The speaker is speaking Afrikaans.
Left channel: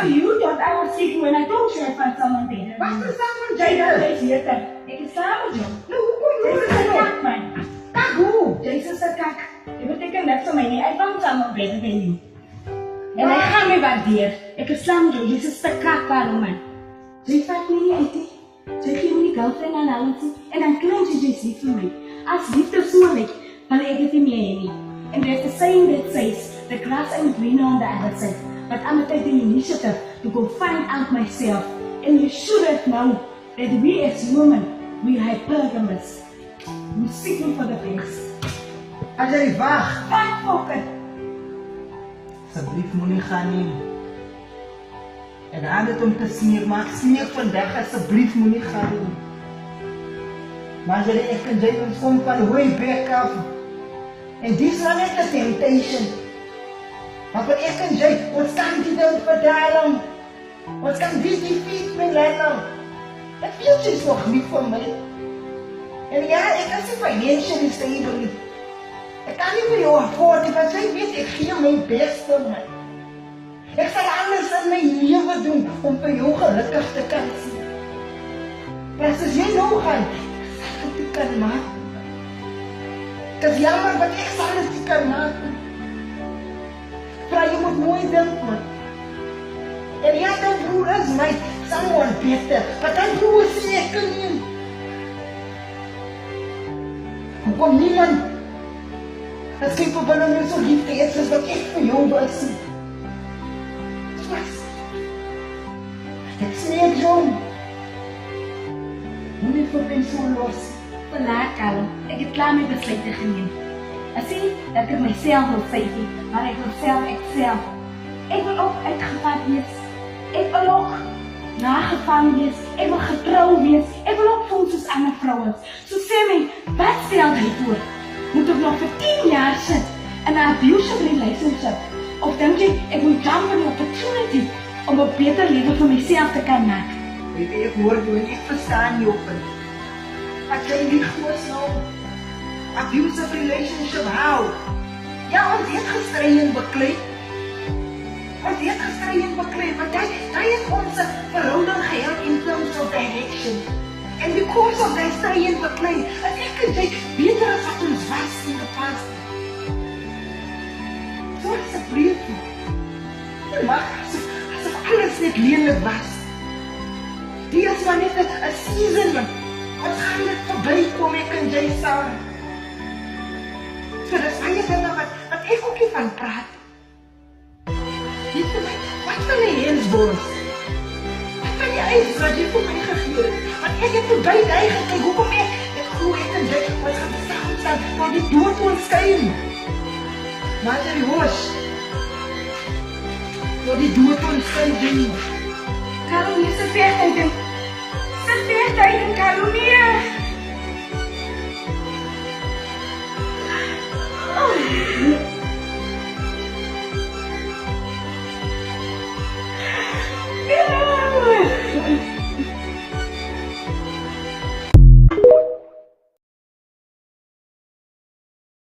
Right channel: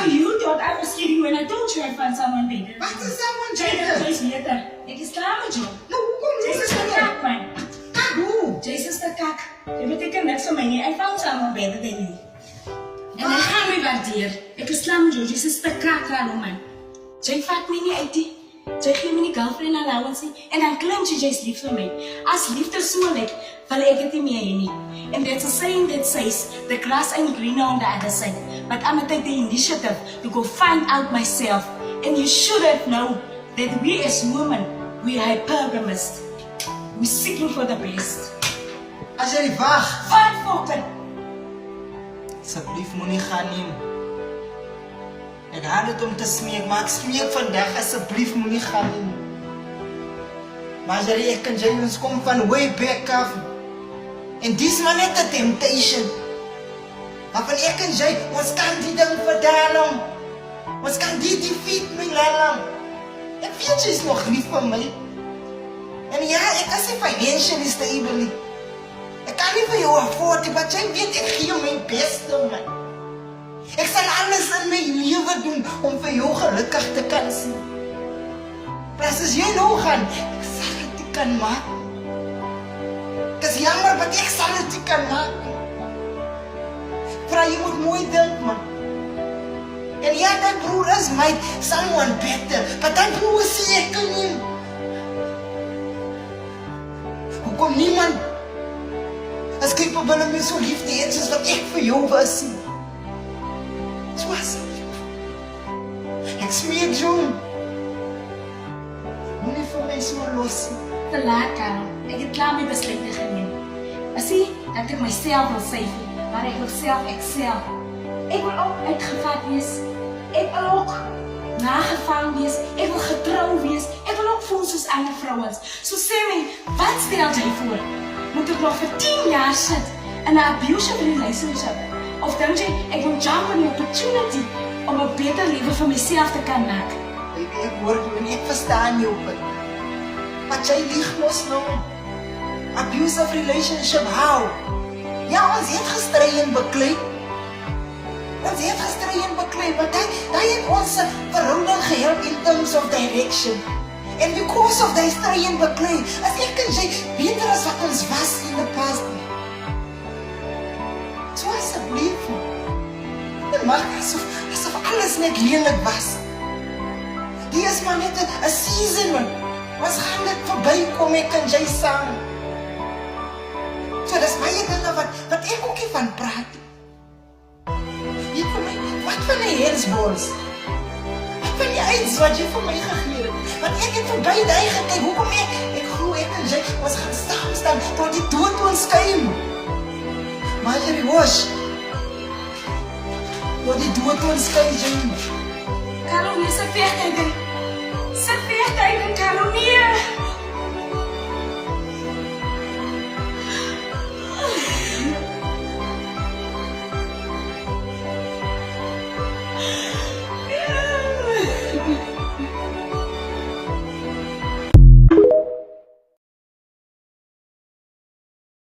So you thought I was kidding when I told you I found someone better. Wat is someone Jada, beter? jy's beter. Ek is klaar met jou. Nou, hoekom Jy's noem is jy the nou? kak, man. Kak hoe? Jy's is the kak. Jy beteken niks vir my nie. I found someone better than you. En hy gaan my waardeer. Ek is klaar met jou. Jy's is the kak, man. Jy vat my nie uit nie. Jy gee my nie girlfriend allowance nie. En dan klink jy's lief vir my. As liefde so lyk, wil ek dit nie meer hê nie. And there's a saying that says, the grass ain't greener on the other side. But I'm gonna take the initiative to go find out myself. And you should have known that we as women, we are hypergamous. We're seeking for the best. Azari, wag. Wat fucking? Asseblief moenie gaan nie. Ek haat dit om te smeek, maar ek smeek vandag asseblief moenie gaan nie. Maar Azari, ek en jy ons kom van way back af. En dis maar net 'n temptation. Maar van ek en jy, ons kan die ding verdaal. Ons kan die defeat my lalam. Ek weet jy is nog lief vir my. En ja, ek is nie financially stable nie. Ek kan nie vir jou afford nie, maar jy weet ek gee my beste, man. Ek sal alles in my lewe doen om vir jou gelukkig te kan sien. Plus as jy nou gaan, ek sal dit nie kan maak. Ek is jammer, maar ek sal dit nie kan maak. Vra, jy moet mooi dink, man. En ja, die broer is my someone better, but die broer is ek nie. Hoekom niemand is capable om jou so lief te hê soos wat ek vir jou was. So was ek smeek jou. Moenie vir my so los. Verlaat, Karel. Ek het klaar my besluite geneem. Ek sê dat ek myself wil save nie, maar ek wil self excel. Ek wil ook uitgevat wees. Ek wil ook nagevang wees. Ek wil getrou wees. Ek wil ook voel soos ander vrouens. So sê my, wat stel jy voor? Moet ek nog vir 10 jaar sit in 'n abusive relationship? Of dink jy ek wil jump on the opportunity om 'n beter lewe vir myself te kan maak? Baby, ek hoor jou en ek verstaan jou punt. Maar jy lieg mos nou. Abusive relationship, how? Ja, ons het gestry en beklei. Ons het gestry en beklei, maar daai het ons verhouding gehelp in terms of direction. And because of die stry en beklei, as ek en jy beter as wat ons was in the past. So asseblief. Jy maak asof alles net lelik was. Die is maar net 'n season, man. Ons gaan net verbykom, ek en jy saam. So dis baie dinge wat ek ook nie van praat. Jy vir my, wat van die hensbons? Wat van die aids wat jy vir my gegee het? Want ek het verby die gekyk, hoekom ek glo ek en jy, ons gaan staan tot die dood ons skei. Maar jy hoes, tot die dood ons skei, jy. Karel, jy is 'n vechtheid en